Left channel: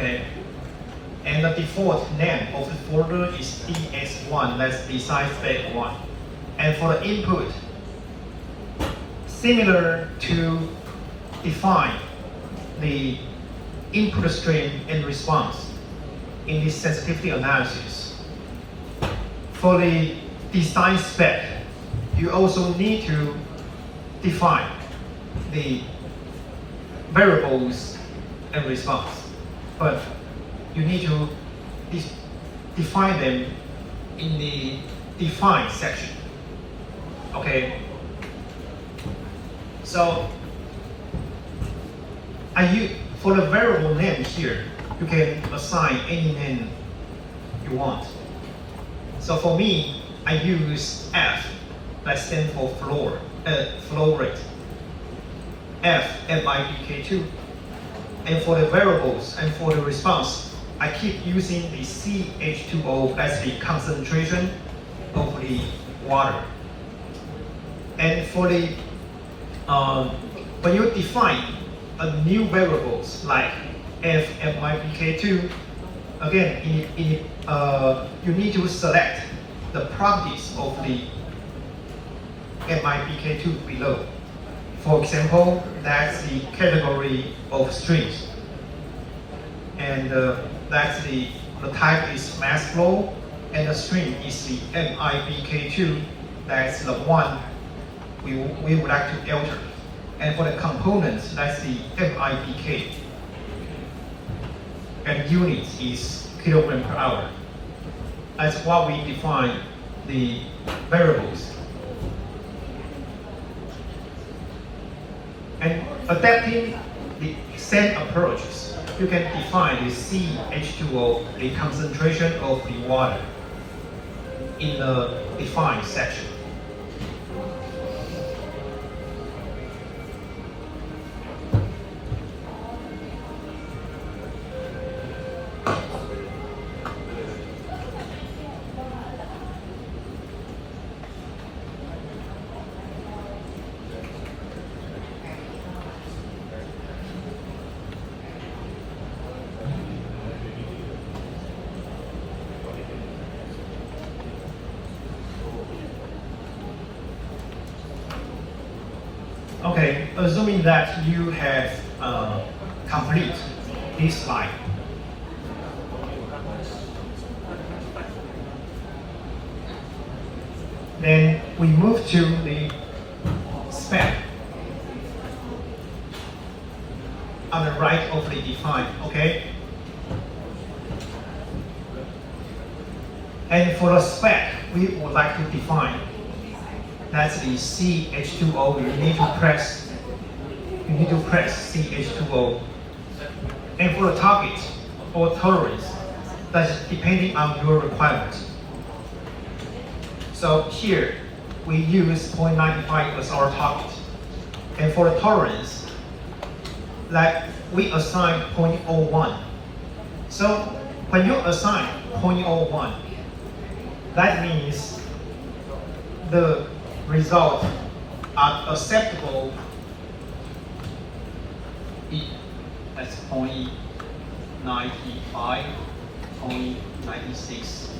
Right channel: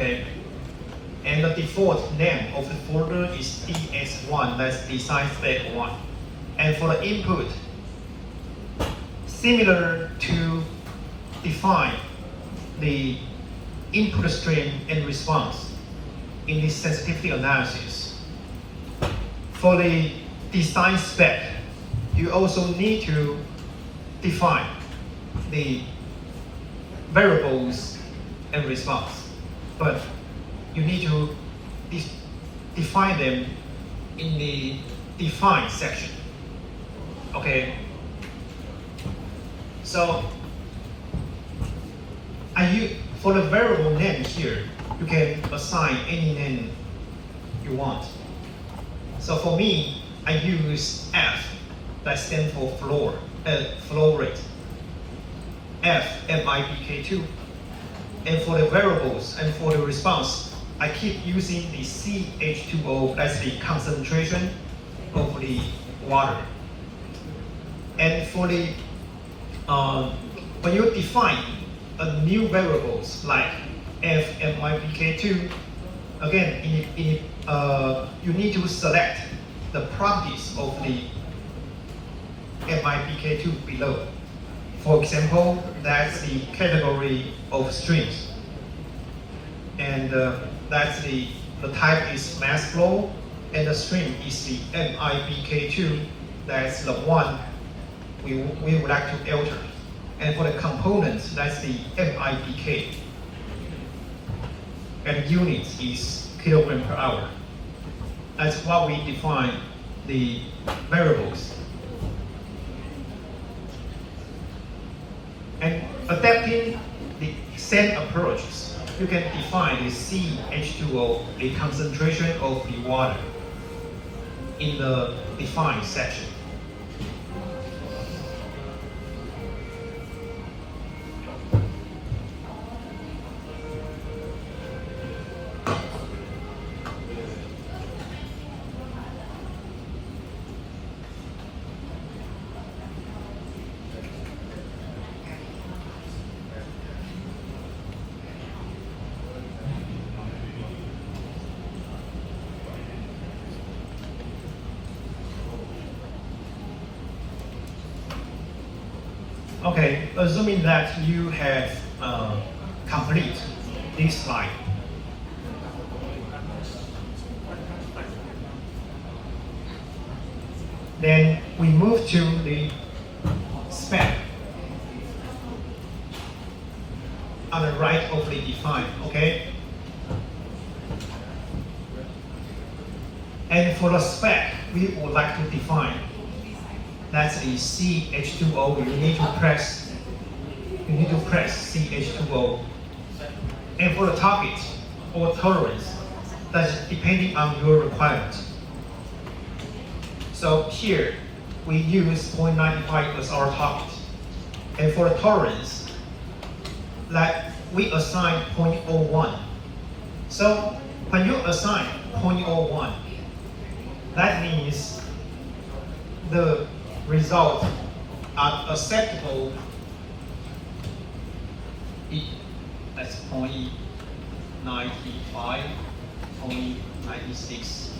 Okay. And the default name of the folder is DS1, that's design spec 1. And for the input, similar to define the input stream and response in this sensitivity analysis. For the design spec, you also need to define the variables and response, but you need to define them in the define section. Okay. So for the variable name here, you can assign any name you want. So for me, I use F, that stands for flow rate. FMIBK2. And for the variables and for the response, I keep using the CH2O, that's the concentration of the water. And for the when you define a new variables like FMIBK2, again, you need to select the properties of the MIBK2 below. For example, that's the category of strings. And that's the type is mass flow, and the string is the MIBK2. That's the one we would like to alter. And for the components, that's the MIBK. And units is kilogram per hour. That's what we define the variables. And adapting the same approaches, you can define the CH2O, the concentration of the water, in the define section. Okay, assuming that you have complete this slide. Then we move to the spec on the right of the define, okay? And for the spec, we would like to define, that's the CH2O. You need to press CH2O. And for the target or tolerance, that's depending on your requirements. So here we use 0.95 as our target. And for the tolerance, like we assign 0.01. So when you assign 0.01, that means the results are acceptable. That's 0.95, 0.96,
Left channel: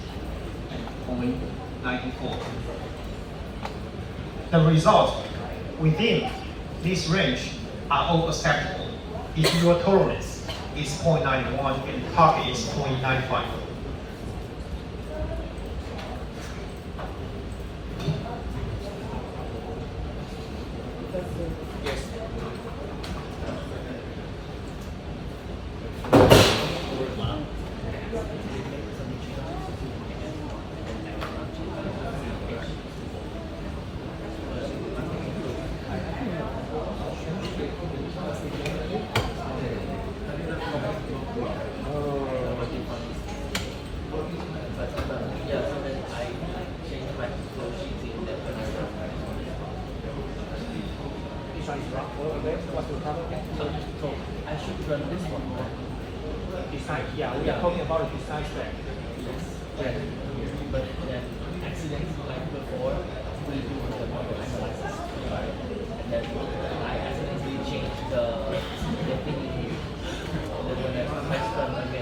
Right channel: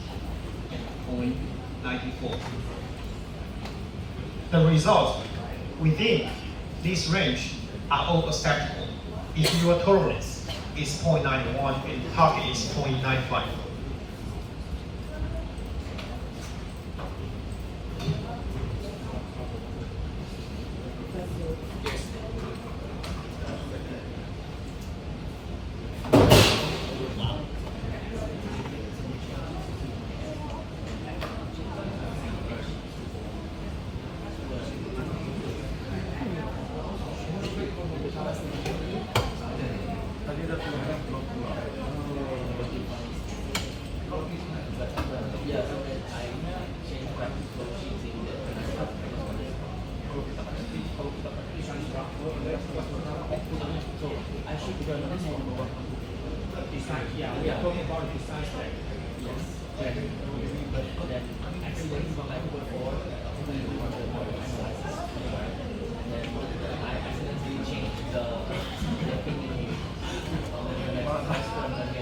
and 0.94. The results within this range are all acceptable if your tolerance is 0.91 and the target is 0.95. Yeah, we are talking about the design spec. Yes. But then accidentally before we do the model analysis. Then I accidentally changed the thing. Then when I press run again.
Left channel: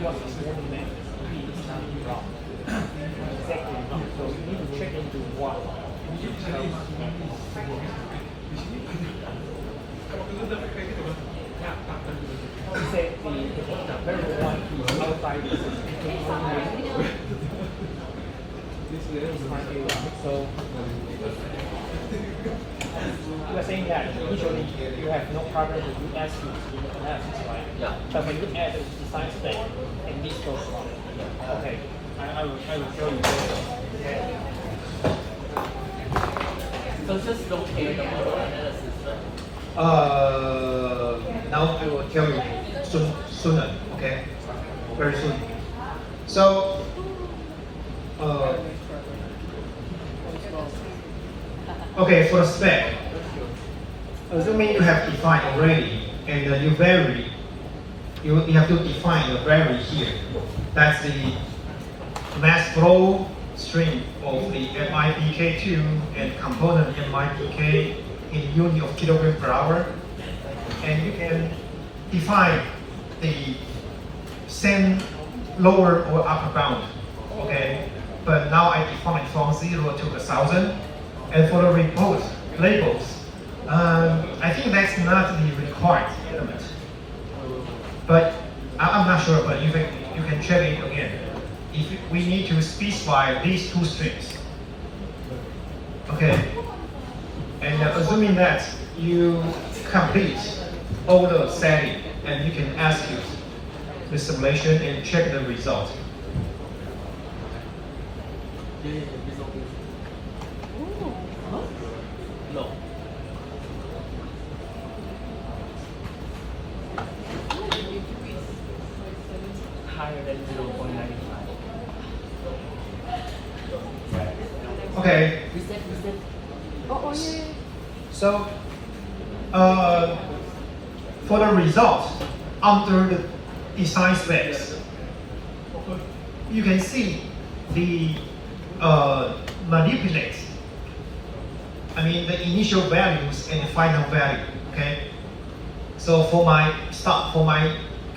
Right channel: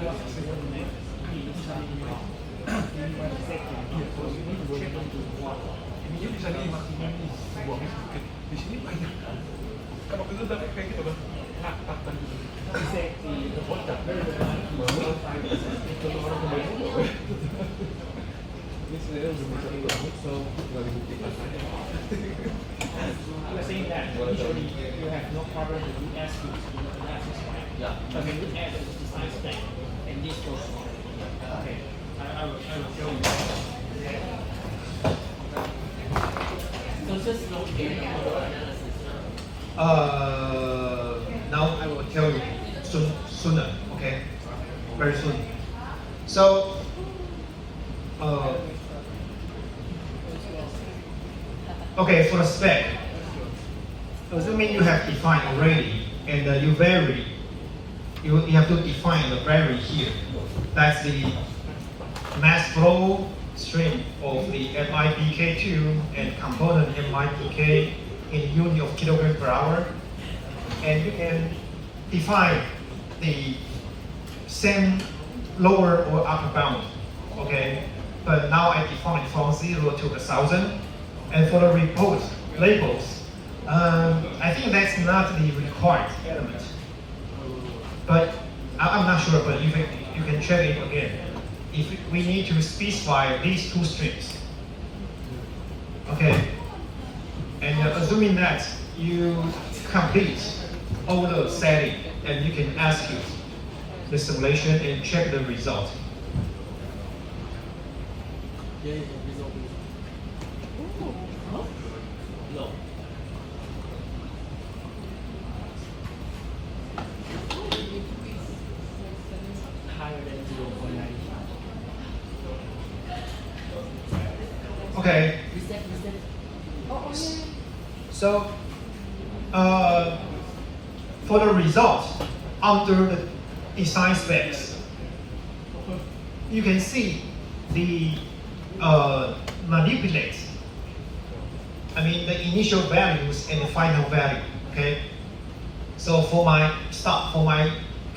You are saying that usually you have no problem to do that analysis, right? Yeah. But when you add the design spec, it needs to one. Okay. I will show you. So just locate the analysis. Now I will tell you sooner, okay? Very soon. So, okay, for the spec, assuming you have defined already, and you have to define the vary here. That's the mass flow stream of the MIPK2 and component MIPK in unit of kilogram per hour. And you can define the same lower or upper bound, okay? But now I define from 0 to 1,000. And for the report labels, I think that's not the required element. But I'm not sure, but you can check it again. If we need to specify these two strings. Okay. And assuming that you complete all the setting, and you can execute the simulation and check the result. No. Higher than 0.95. Okay. So, for the result under the design specs, you can see the manipulate. I mean the initial values and the final value. Okay. So for my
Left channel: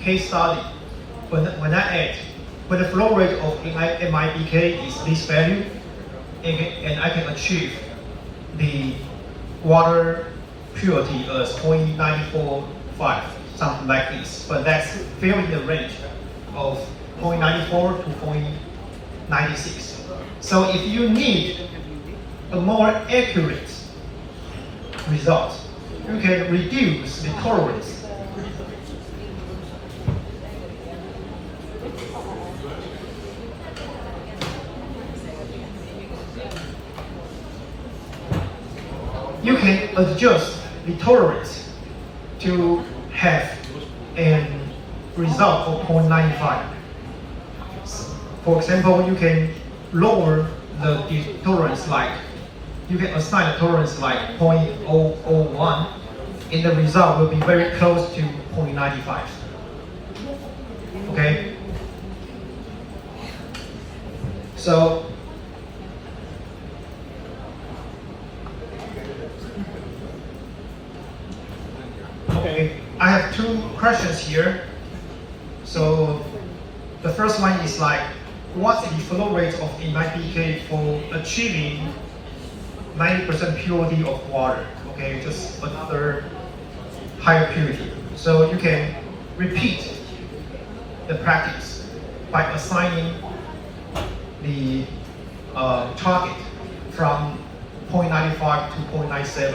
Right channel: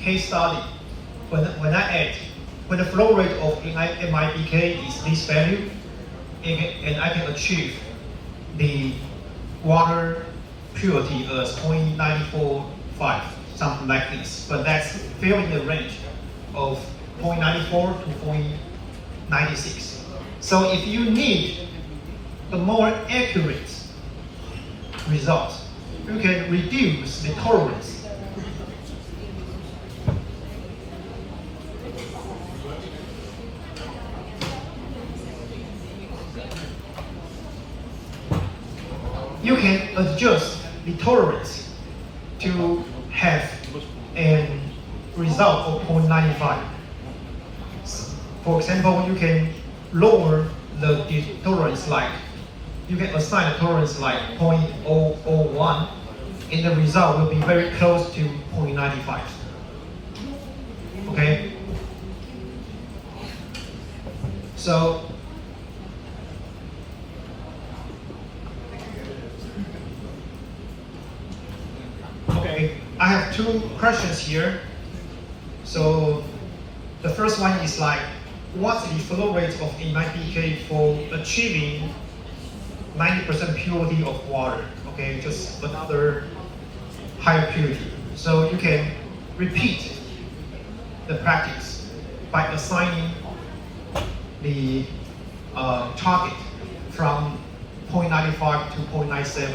case study, when the flow rate of MIPK is this value, and I can achieve the water purity as 0.945, something like this. But that's still in the range of 0.94 to 0.96. So if you need a more accurate result, you can reduce the tolerance. You can adjust the tolerance to have a result of 0.95. For example, you can lower the tolerance, like you can assign a tolerance like 0.001, and the result will be very close to 0.95. Okay? So, okay, I have two questions here. So, the first one is like, what's the flow rate of the MIPK for achieving 90% purity of water? Okay, just another higher purity. So you can repeat the practice by assigning the target from 0.95 to 0.97.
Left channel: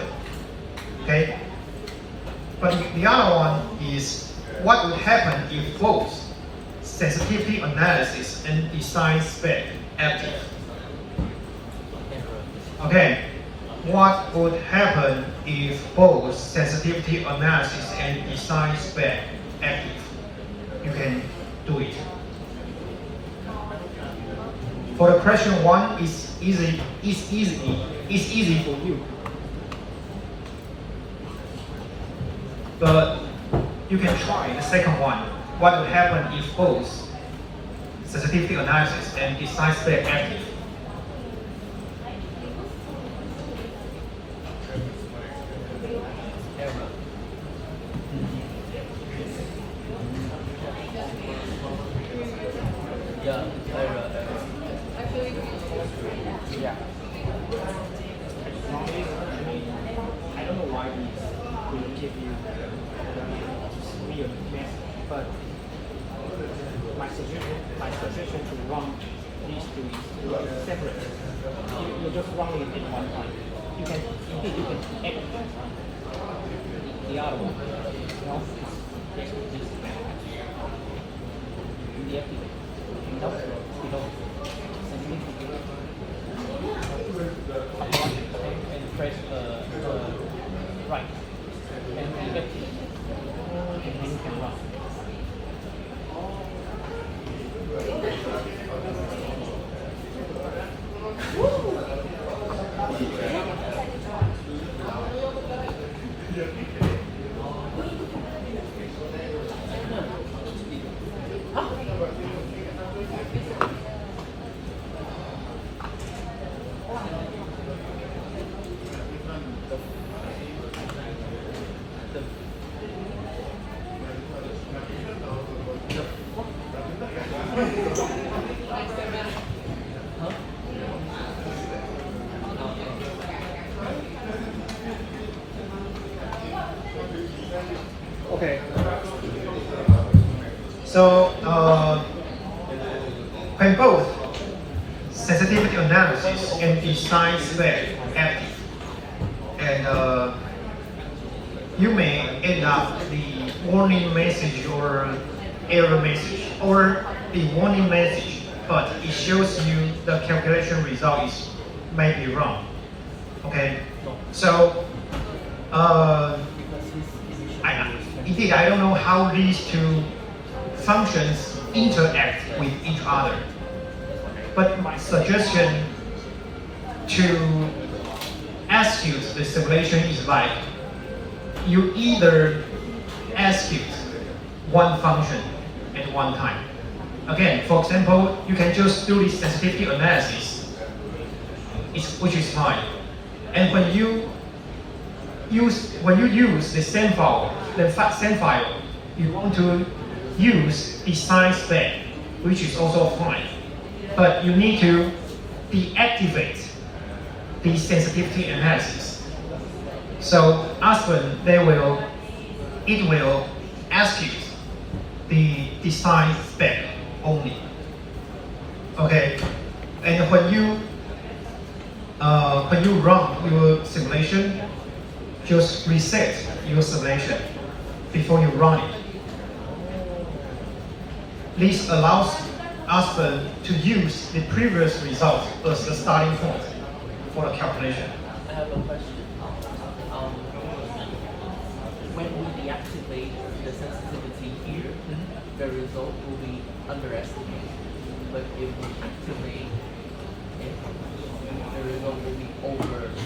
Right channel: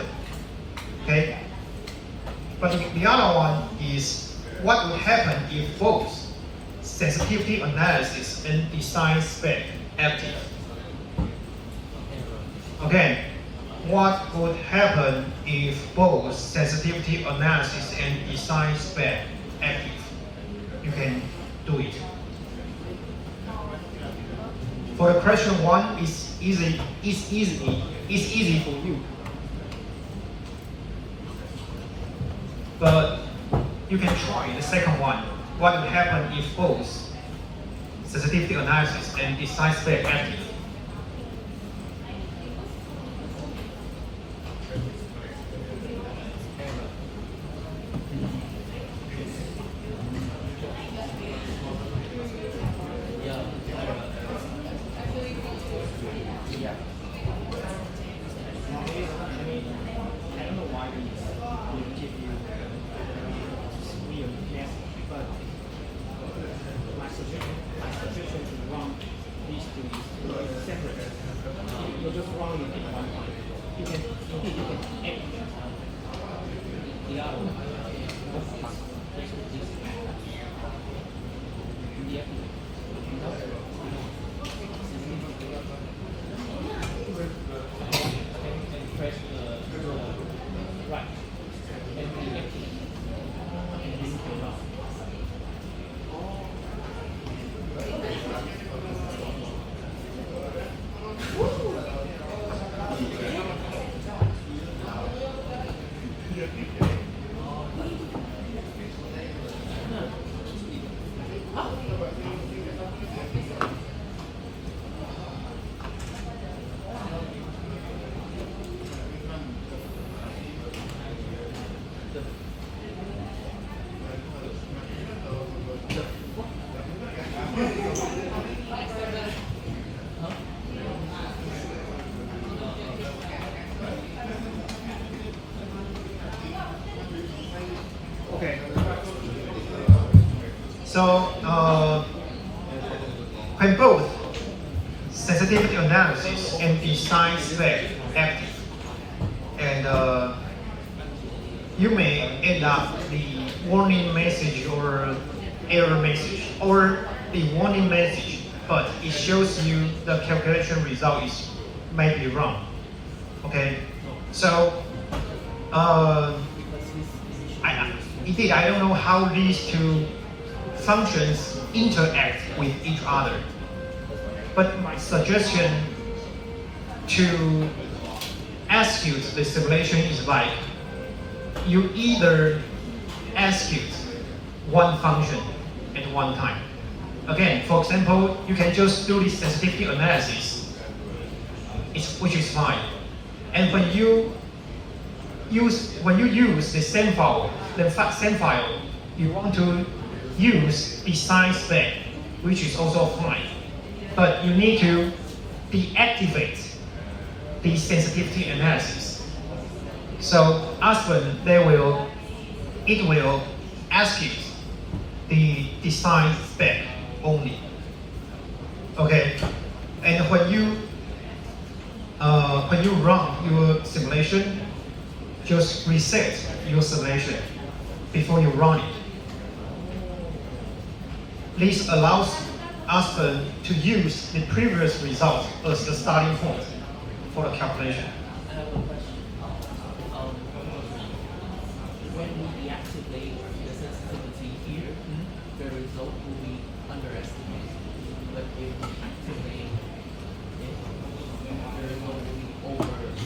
Okay? But the other one is what would happen if both sensitivity analysis and design spec active? Okay, what would happen if both sensitivity analysis and design spec active? You can do it. For the question one, it's easy for you. But you can try the second one. What would happen if both sensitivity analysis and design spec active? running it in one time. You can activate the other one. No, basically this. And press the right. And activate. And then turn it off. Okay. So when both sensitivity analysis and design spec active, and you may end up the warning message or error message, or the warning message, but it shows you the calculation result is maybe wrong. Okay, so indeed, I don't know how these two functions interact with each other. But my suggestion to execute the simulation is like, you either execute one function at one time. Again, for example, you can just do this sensitivity analysis, which is fine. And when you use the same file, you want to use design spec, which is also fine. But you need to deactivate the sensitivity analysis. So often it will execute the design spec only. Okay, and when you run your simulation, just reset your simulation before you run it. This allows us to use the previous result as the starting point for the calculation. I have a question. When we deactivate the sensitivity here, the result will be underestimated. But if we activate it, the result will be overestimated.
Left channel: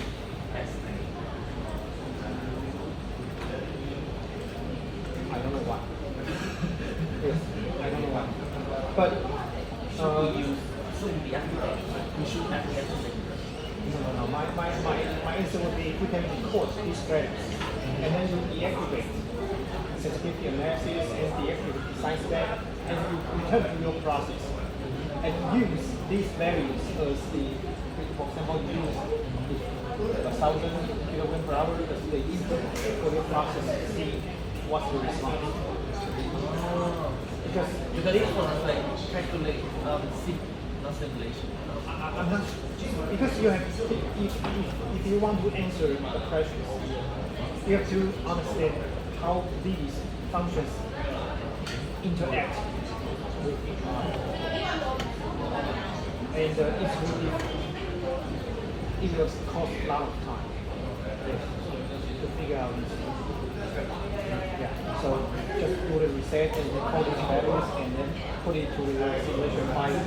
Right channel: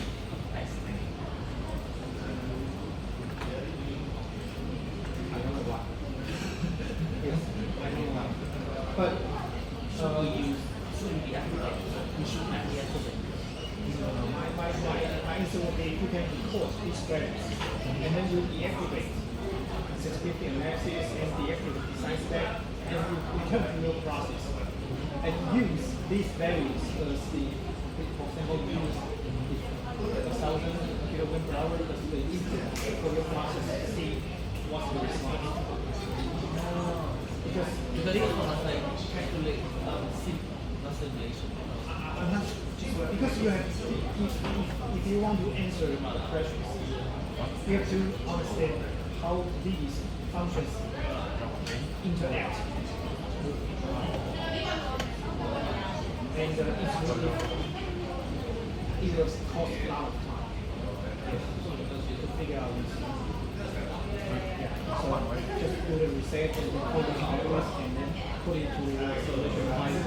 I don't know why. Yes, I don't know why. But Should we deactivate? We should not deactivate. no, my answer would be you can record these values and then you deactivate sensitivity analysis and deactivate design spec and you return to your process and use these values as the, for example, use 1,000 kilograms per hour as the input for your process to see what's the response. Because this one is like calculate speed, not simulation. I'm not, because you have, if you want to answer the questions, you have to understand how these functions interact. And it will cost a lot of time to figure out this. Yeah. So just do the reset and record the values and then put it to the simulation file.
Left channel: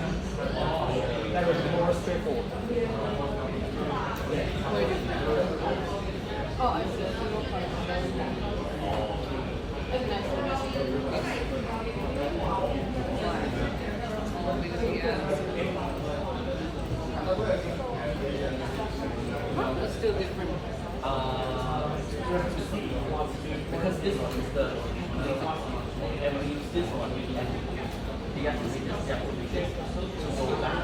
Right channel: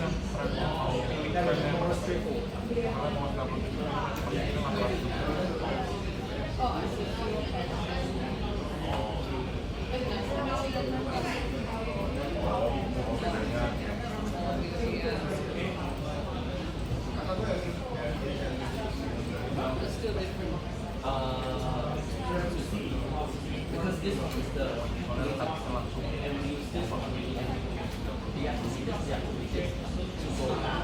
That is more straightforward. It's still different. Because this one is the basic one, and we use this one, we activate this separately to go back.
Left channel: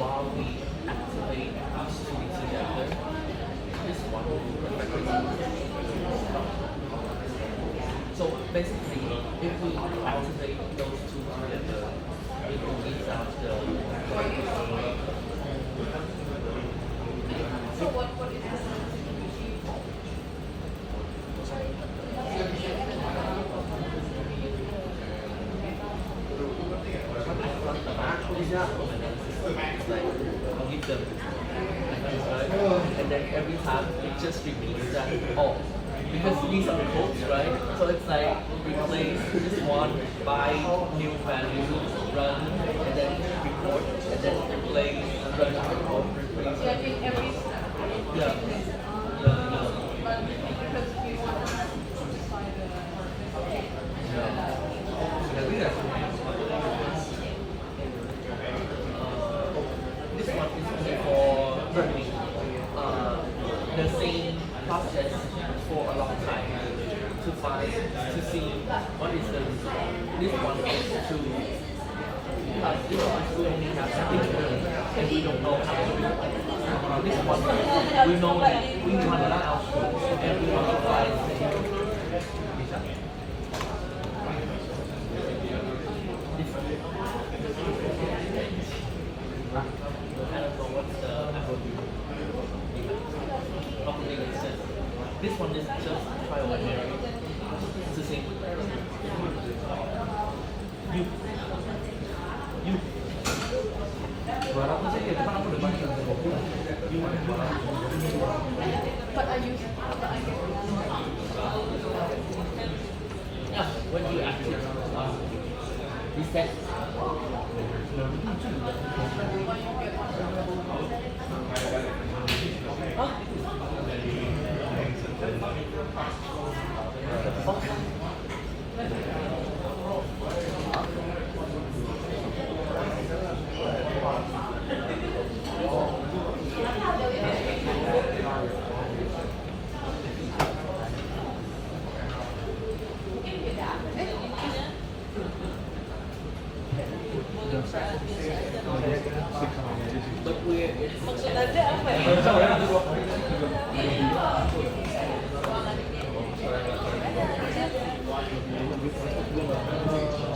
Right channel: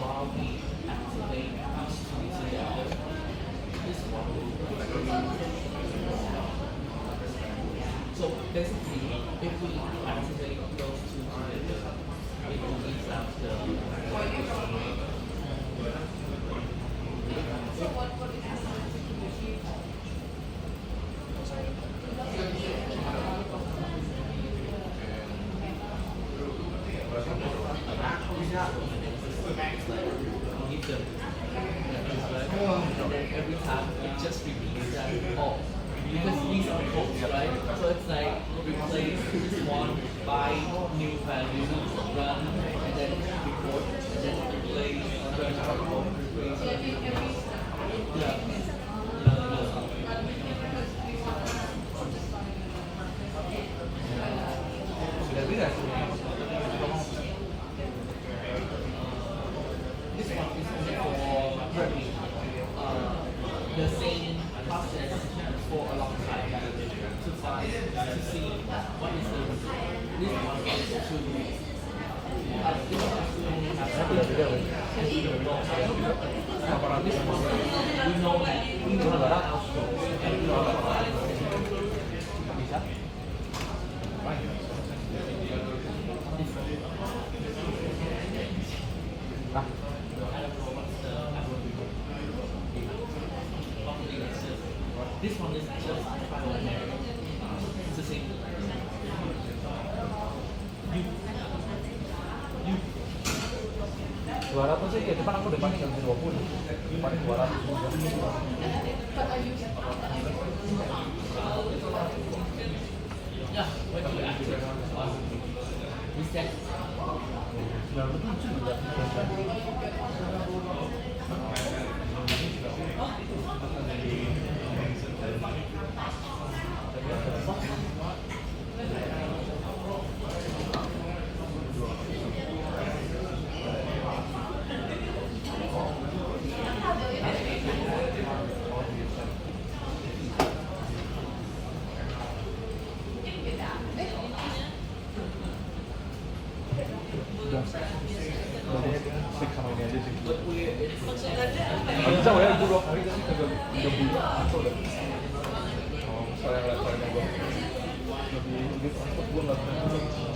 While we activate these two together, this one will be so basically, if we activate those two together, it will mean that give them like this, right? And then every time it just repeats that, oh, because these are the codes, right? So it's like replace this one by new value, run, and then replace, replace. Yeah. This one is only for learning. The same process for a long time to find, to see what is the, this one is to, this one is only has something to learn, and we don't know how to do it. This one, we know we want the output, and we want to find this one is just file in there. It's the same. You. Aku saya depan aku udah baca yeah, when you actually reset. But